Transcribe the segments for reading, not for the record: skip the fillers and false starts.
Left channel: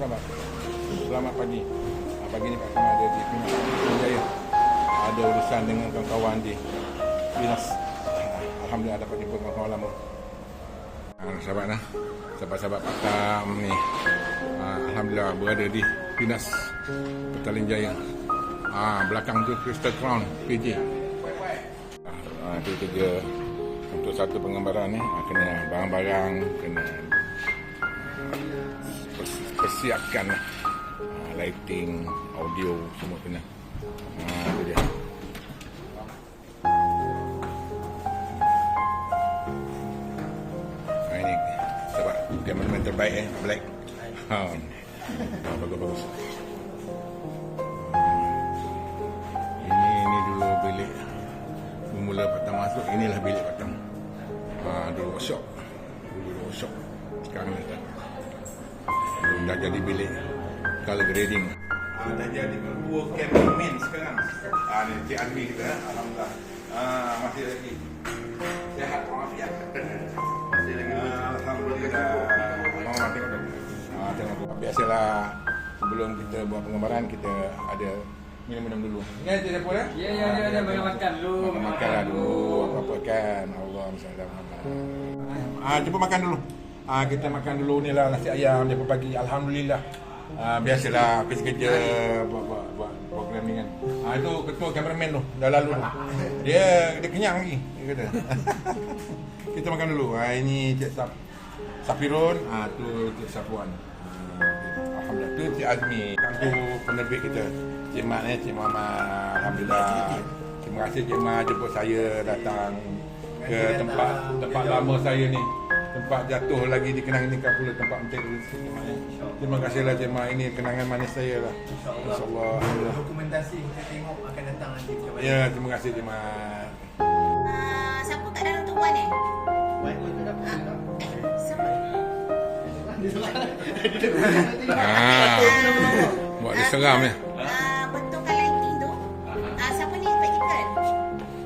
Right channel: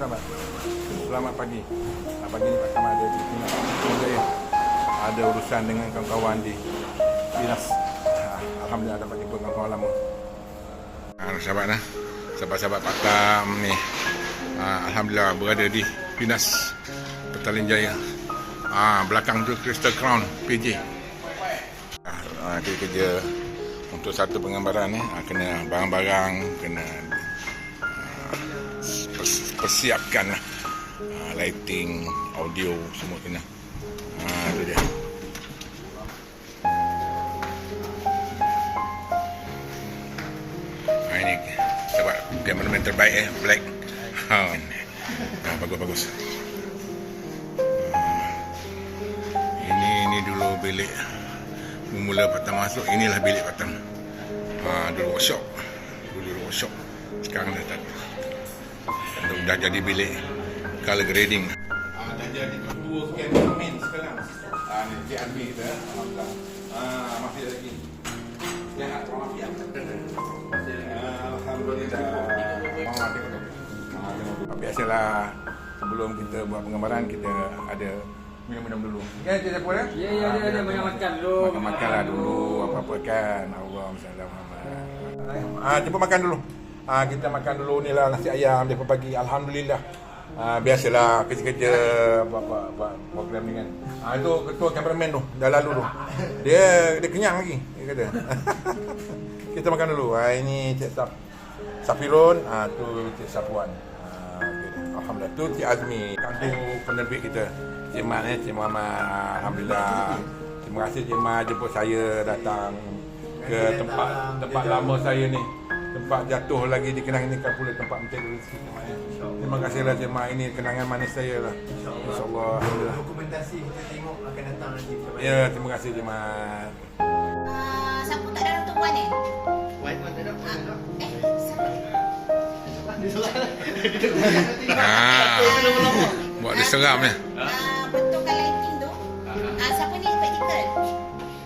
sahabat. Selamat pagi. Pagi ni Pak Kamal ada di Pinas Jaya. Ada urusan dengan kawan-kawan di Pinas. Alhamdulillah dapat jumpa kawan-kawan lama. Sahabat lah. Sahabat-sahabat Pak Tam ni. Alhamdulillah berada di Pinas Petaling Jaya. Belakang tu Crystal Crown PJ. Dia kerja untuk satu penggambaran ni. Kena barang-barang, kena persiapkan lah. Lighting, audio semua kena. Tu dia. Ini sebab kameraman terbaik Black. Bagus-bagus. Ini dulu bilik mula Pak Tam masuk. Inilah bilik Pak Tam. Dulu workshop. Sekarang dah jadi bilik color grading. Dah jadi dua cameraman sekarang. Ni Cik Azmi kita. Alhamdulillah. Masih lagi sihat walafiat. Masih lagi. Alhamdulillah. Biasalah sebelum kita buat penggambaran kita ada minum-minum dulu. Ya, Cik Saiful ya? Ya, ada makan dulu. Makanlah dulu apa-apa kan. Allahumma Muhammad. Jemput makan dulu. Kita makan dulu ni lah nasi ayam jam pagi. Alhamdulillah. Biasalah kerja-kerja buat program ni kan. Itu ketua kameraman tu dah lalu tu. Dia kenyang lagi dia kata. Kita makan dulu. Ini Cik Safirun, tu Cik Safuan. Alhamdulillah tu Cik Azmi, kantu penerbit kita. Cik Mat ni, Cik Muhammad. Alhamdulillah. Terima kasih Cik Mat jemput saya datang ke tempat lama saya ni. Tempat jatuh lagi dikenang ini kan pula tempat Menteri Rezeki Cik Mat ni. Terima kasihlah Cik Mat, ini kenangan manis saya lah. InsyaAllah. Dokumentasi kita tengok akan datang nanti macam mana. Ya, terima kasih Cik Mat. Siapa kat dalam tu Wan Wan tak ada. Siapa? Buat dia seram ya. Betulkan lighting tu. Siapa ni praktikal?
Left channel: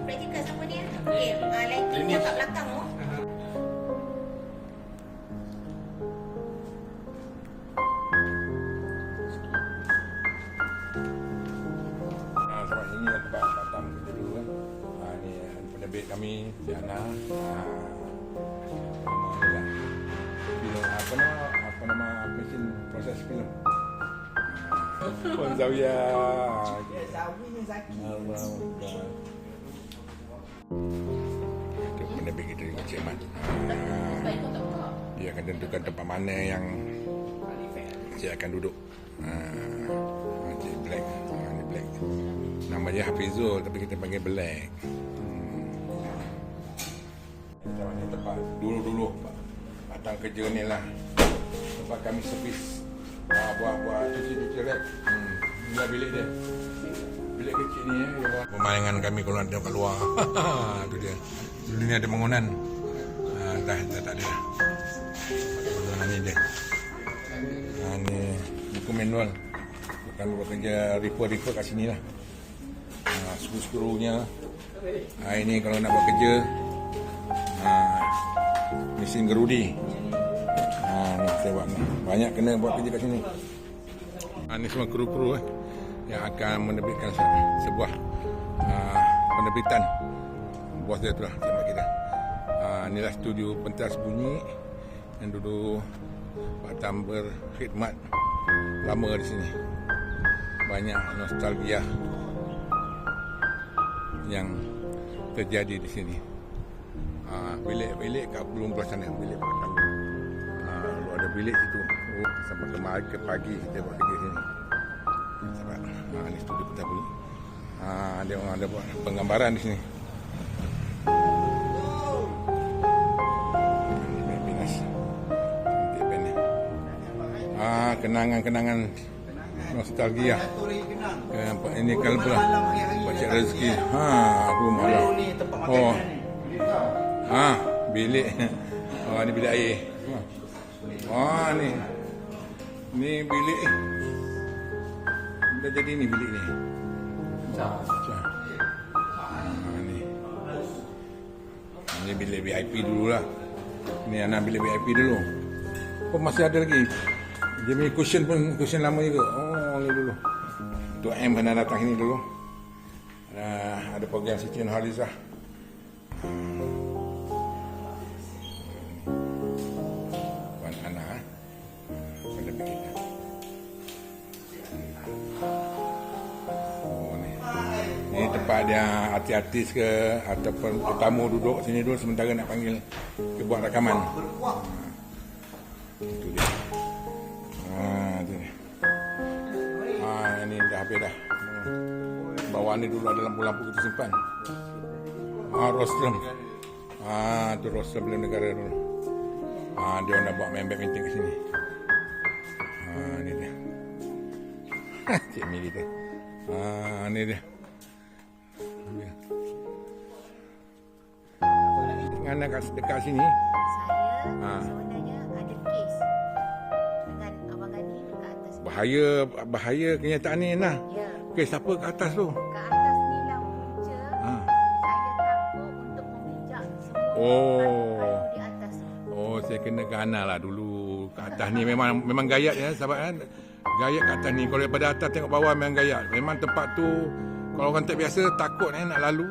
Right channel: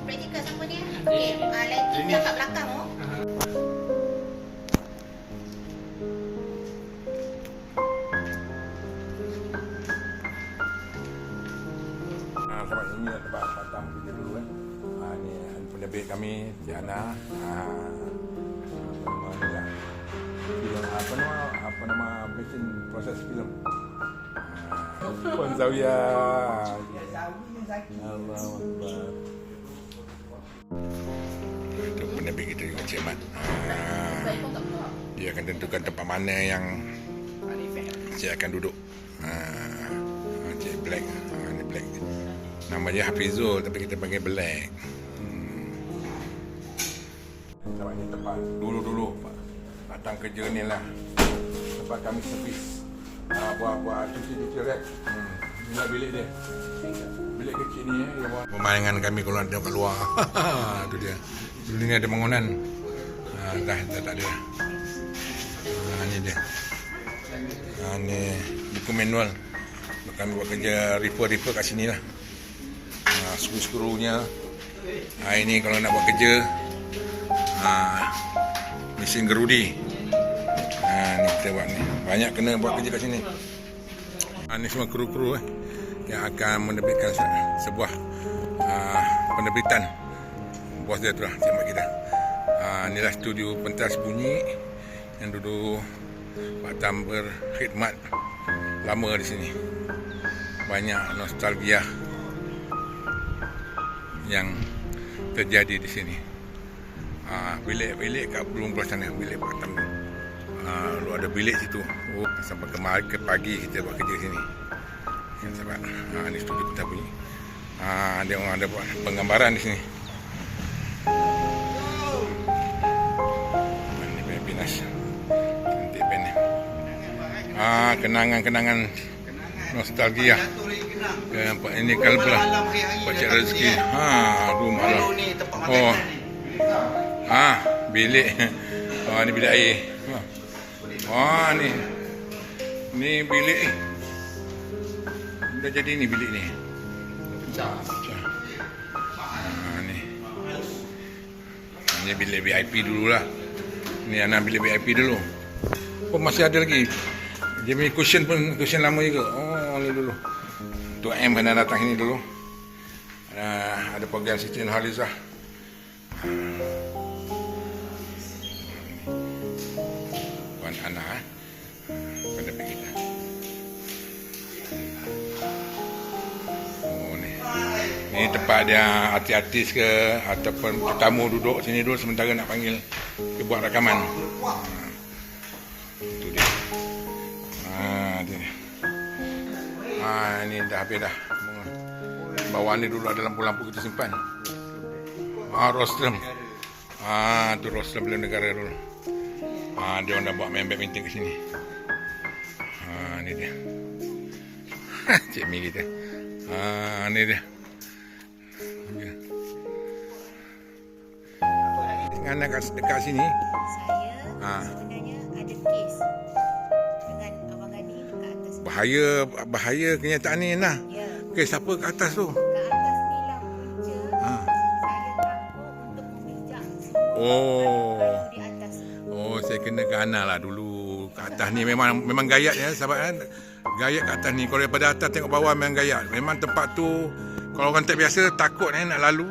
Praktikal siapa ni? Okey, lighting kat belakang tu. Sebab ini lah tempat Pak Tam kerja dulu kan. Ni penerbit kami, Cik Ana. Apa nama mesin proses filem. Puan Zawiya. Allah Akbar. Itu penerbit kita juga Cik Mat. Dia akan tentukan tempat mana yang saya akan duduk. Cik Black. Ni Black. Nama dia Hafizul tapi kita panggil Black. Tempat ni tempat dulu datang kerja ni lah. Tempat kami servis buat cuci rek. Inilah bilik dia. Bilik kecil ni pemandangan kami kalau ada kat luar. Tu dia. Dulu ni ada bangunan. Dah tak ada. Ni dia. Ni buku manual. Kami buat kerja repair kat sini lah. Skru-skrunya. Ini kalau nak buat kerja mesin gerudi. Ni kita buat ni. Banyak kena buat kerja kat sini. Ni semua kru-kru yang akan menerbitkan sebuah penerbitan. Bos dia tu lah, Cik Mat kita. Inilah studio pentas bunyi yang dulu Pak Tam berkhidmat lama di sini. Banyak nostalgia yang terjadi di sini. Bilik kat belum belah sana, bilik Pak Tam. Lu ada bilik situ. Sampai ke pagi kita buat kerja sini. Sebab ni studio pentas bunyi. Dia orang ada buat penggambaran di sini. Ni Pinas. Cantik pen ni. Kenangan-kenangan nostalgia. Ini kalau pula Pak Cik Rezeki. Rumah lah. Bilik. Ni bilik air. Ni bilik. Dah jadi ni bilik ni. Ni bilik VIP dululah. Ni anak bilik VIP dulu. Masih ada lagi Dia punya cushion lama juga. Oh, ni dulu. Tok M kena datang sini dulu. Ada program Siti Nurhalizah. Puan Ana pada kita. Oh ni. Ni tempat dia artis-artis ke ataupun tetamu duduk sini dulu sementara nak panggil ke buat rakaman. Itu dia. Dia. Ni dah habis dah. Bawah ni dulu ada lampu-lampu kita simpan. Rostrum. Tu rostrum Bela Negara dulu. Dia orang dah buat main badminton ke sini. Ni dia. Cik Mi kita. Ni dia. Dengan dekat sini. Saya sebenarnya ada kes dengan Abang Gani kat atas. Bahaya kenyataan ni nah. Ya. Kes apa kat atas tu? Kat atas ni lah punca. Saya takut untuk memijak semua Oh. kayu di atas. Oh, saya kena gana lah dulu. Kat atas ni memang gayat ya, sahabat kan. Gayat kat atas ni. Kalau daripada atas tengok bawah memang gayat. Memang tempat tu kalau orang tak biasa takut nak lalu.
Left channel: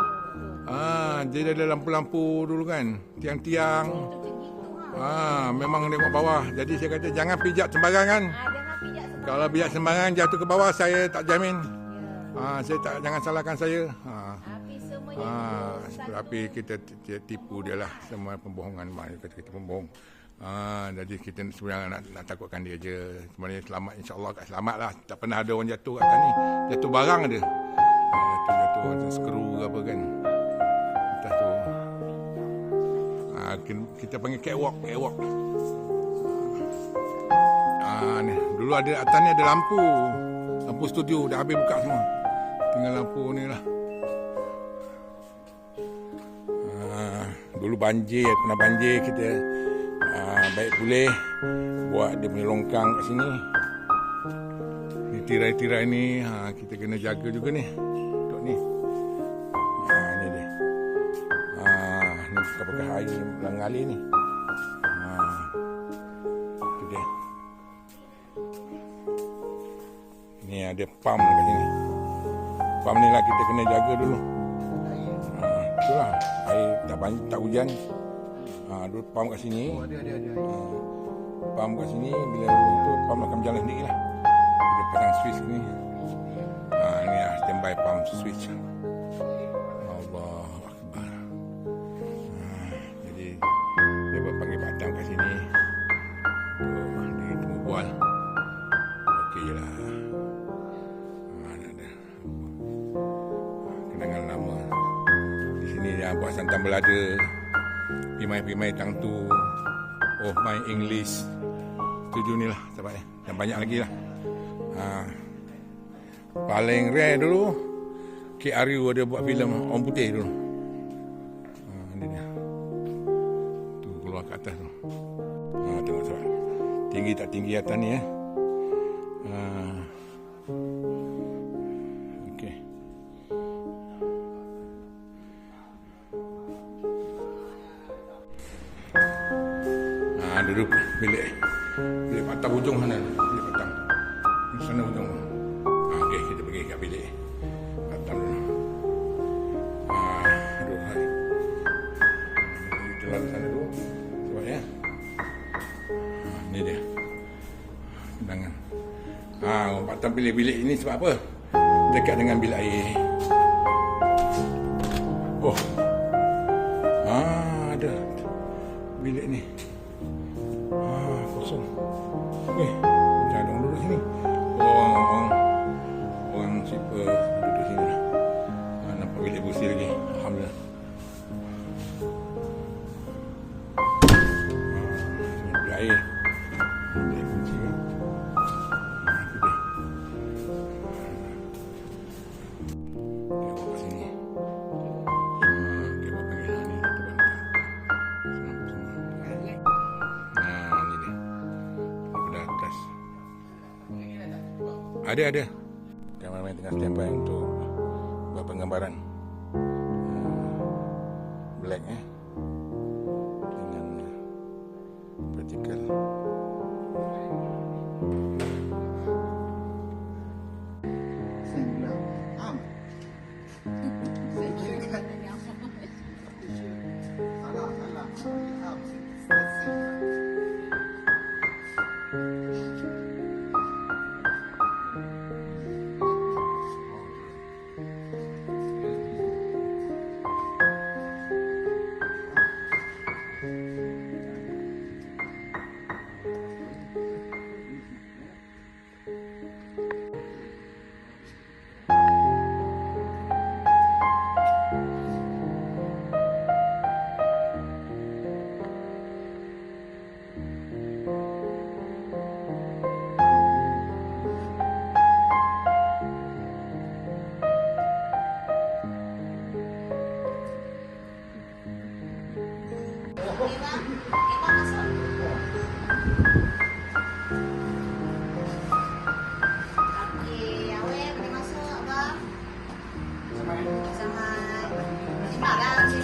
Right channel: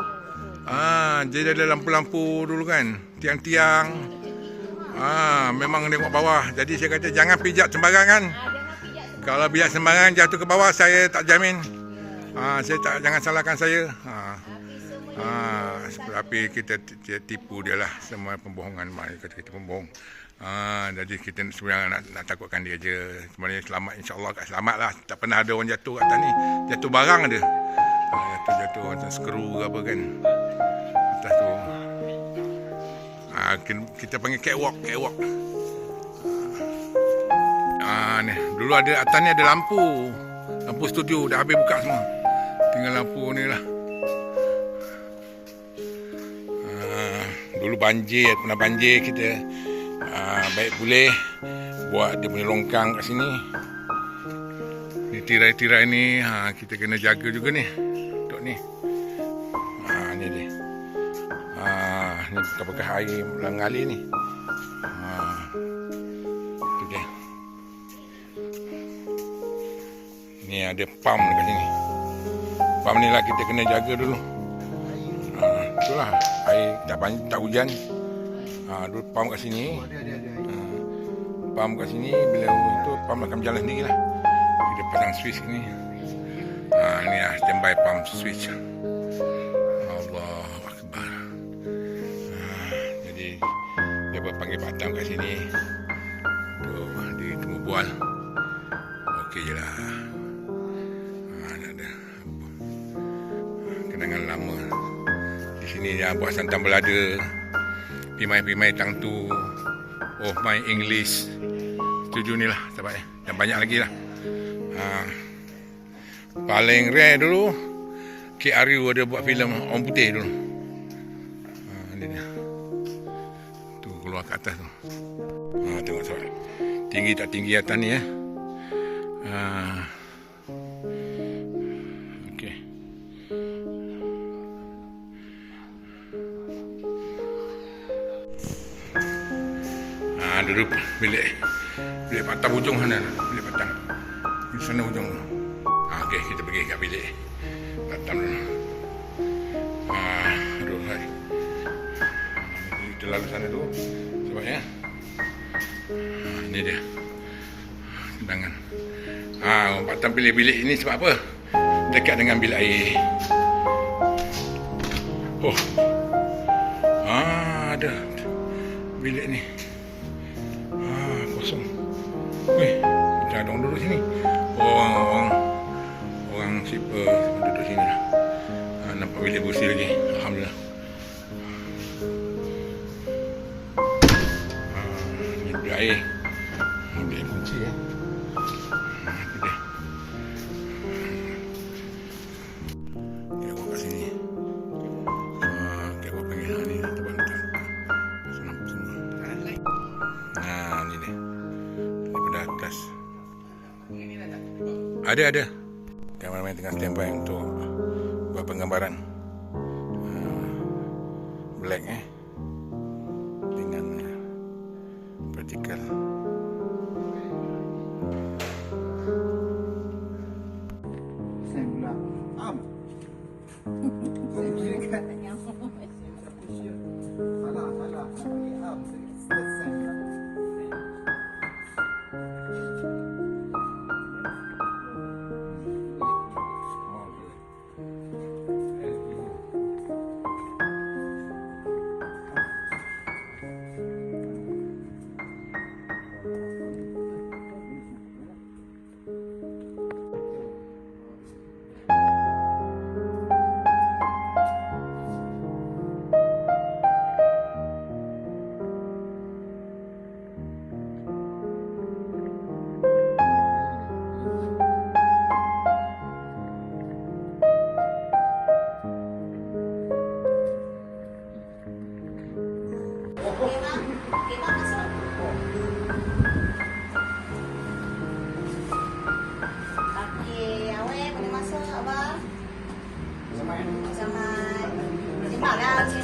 Jadi ada lampu-lampu dulu kan. Tiang-tiang. Memang tengok bawah. Jadi saya kata jangan pijak sembarang kan. Kalau pijak sembarang jatuh ke bawah saya tak jamin. Saya tak, jangan salahkan saya. Tapi kita tipu dia lah. Semua pembohongan. Kata kita pembohong. Jadi kita sebenarnya nak takutkan dia je. Sebenarnya selamat, insyaAllah selamat lah. Tak pernah ada orang jatuh kat atas ni. Jatuh barang ada. Jatuh macam skru ke apa kan. Atas tu. Kita panggil catwalk. Ni. Dulu ada atas ni ada lampu. Lampu studio dah habis buka semua. Tinggal lampu ni lah. Dulu pernah banjir kita. Baik boleh buat dia punya longkang kat sini. Ni tirai-tirai ni kita kena jaga juga ni. Untuk ni. Ni dia. Ni bekas air mengalir ni. Tu dia. Ni ada pam dekat sini. Pam ni lah kita kena jaga dulu. Itulah air tak hujan. Dulu pam kat sini. Pam kat sini bila itu pam akan berjalan sendiri lah. Kita pasang switch ni. Ni lah standby pam switch. Allahu Akbar. Jadi dia panggil Pak Tam kat sini. Dia tunggu bual. Okey je lah. Ada kenangan lama. Di sini dia buat santan belada. Pimai-pimai tang tu. Oh my English. Setuju ni lah sahabat. Dan banyak lagi lah. Paling rare dulu KRU ada buat filem Orang Putih dulu. Ni dia. Tu keluar ke atas tu. Tengok sahabat. Tinggi tak tinggi atas ni ya. Okey. Duduk bilik patang hujung sana. Bilik patang. Di sana hujung. Okey, kita pergi kat bilik patang dulu. Aduh, hai. Kita lalu sana dulu. Cuba ya. Ini dia. Kenangan. Orang patang pilih bilik ini sebab apa? Dekat dengan bilik air. Oh. Ada bilik ni. Kosong. Weh, kita ada orang duduk sini. Orang sipar duduk sini lah. Nampak bilik bersih lagi. Alhamdulillah. Ni bilik air. Bilik kunci ya. Itu dia. Dia buat kat sini. Dia buat panggil ni. Terbang tak. Nampak semua. Ni dia. Daripada atas. Ada. Kameraman tengah standby untuk buat penggambaran. Black dengan vertical.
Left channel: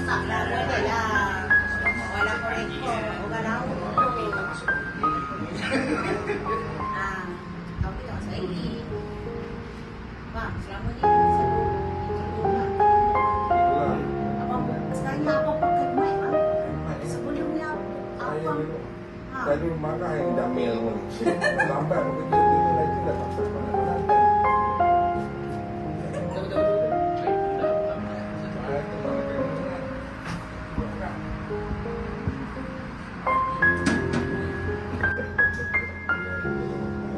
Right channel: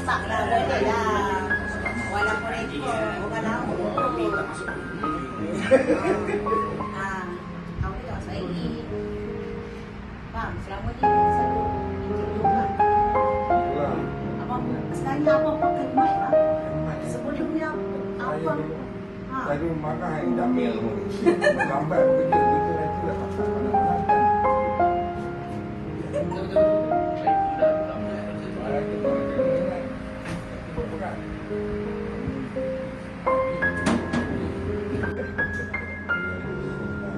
masak lah, boleh lah. Walaupun itu bukan lama. Kau ni tak masak lagi. Bang, selama ni selalu rumah. Abang sekali abang pakai mic lah. Sebelum ni abang. Tadi marah yang damai tu. Lambat bekerja dia dah pasal panas-panas.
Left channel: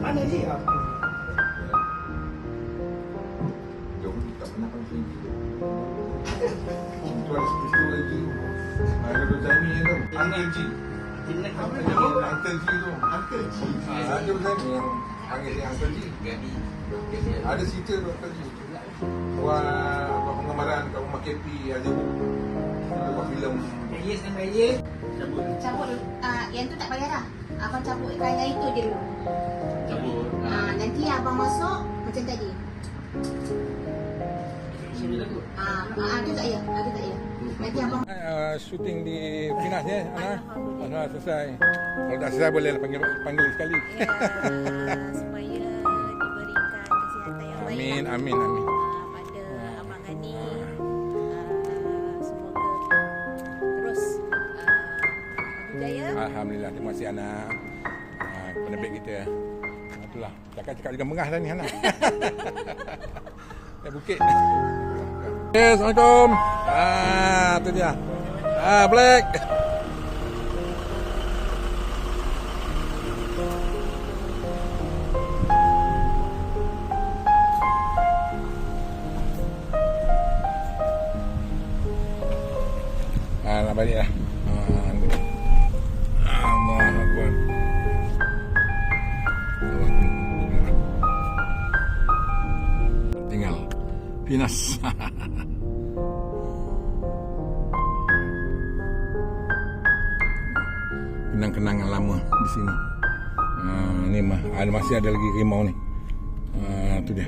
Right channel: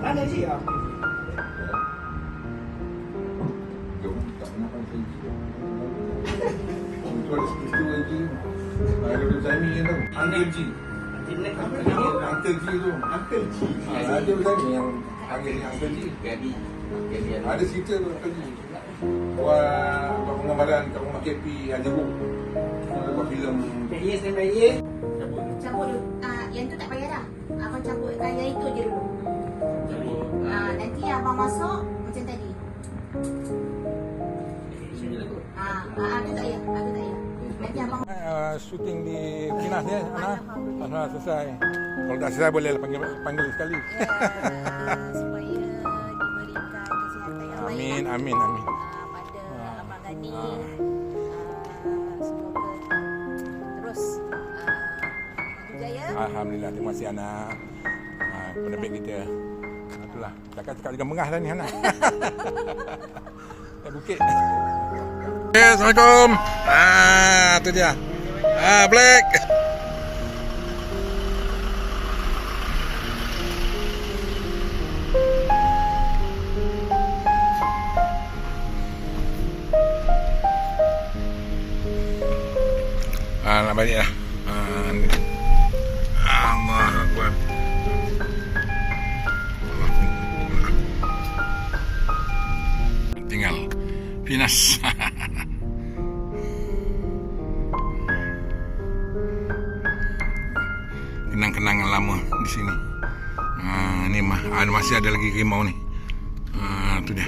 Mana dia? Jom tak pernah pancing. Itu ada peristiwa lagi. Kalau Zaimi yang tahu. Uncle G. Uncle G tu. Uncle G. Ada Zaimi yang panggil dia Uncle G. Ada cerita tu Uncle G. Buat gambaran kat rumah KP ada buku. Ada buat filem. Cabut yang tu tak payah dah. Abang cabut yang itu je dulu. Nanti abang masuk macam tadi. Ada tak ya? Ada tak ya? Nanti abang Shooting di Pinas ya, Ana. Alhamdulillah selesai. Kalau tak selesai boleh panggil sekali. Ya, supaya diberikan kesihatan yang baik. Amin, lah, amin, amin. pada Abang Gani. Semoga terus maju jaya. Alhamdulillah, terima kasih Ana. Kepada baik kita. Itulah, cakap juga mengah dah ni Ana. Bukit. Okay, Assalamualaikum. Tu dia. Black. Nak balik lah. Allahu Akbar. Tinggal Pinas. Kenang-kenangan lama di sini. Ni masih ada lagi rimau ni. Tu dia.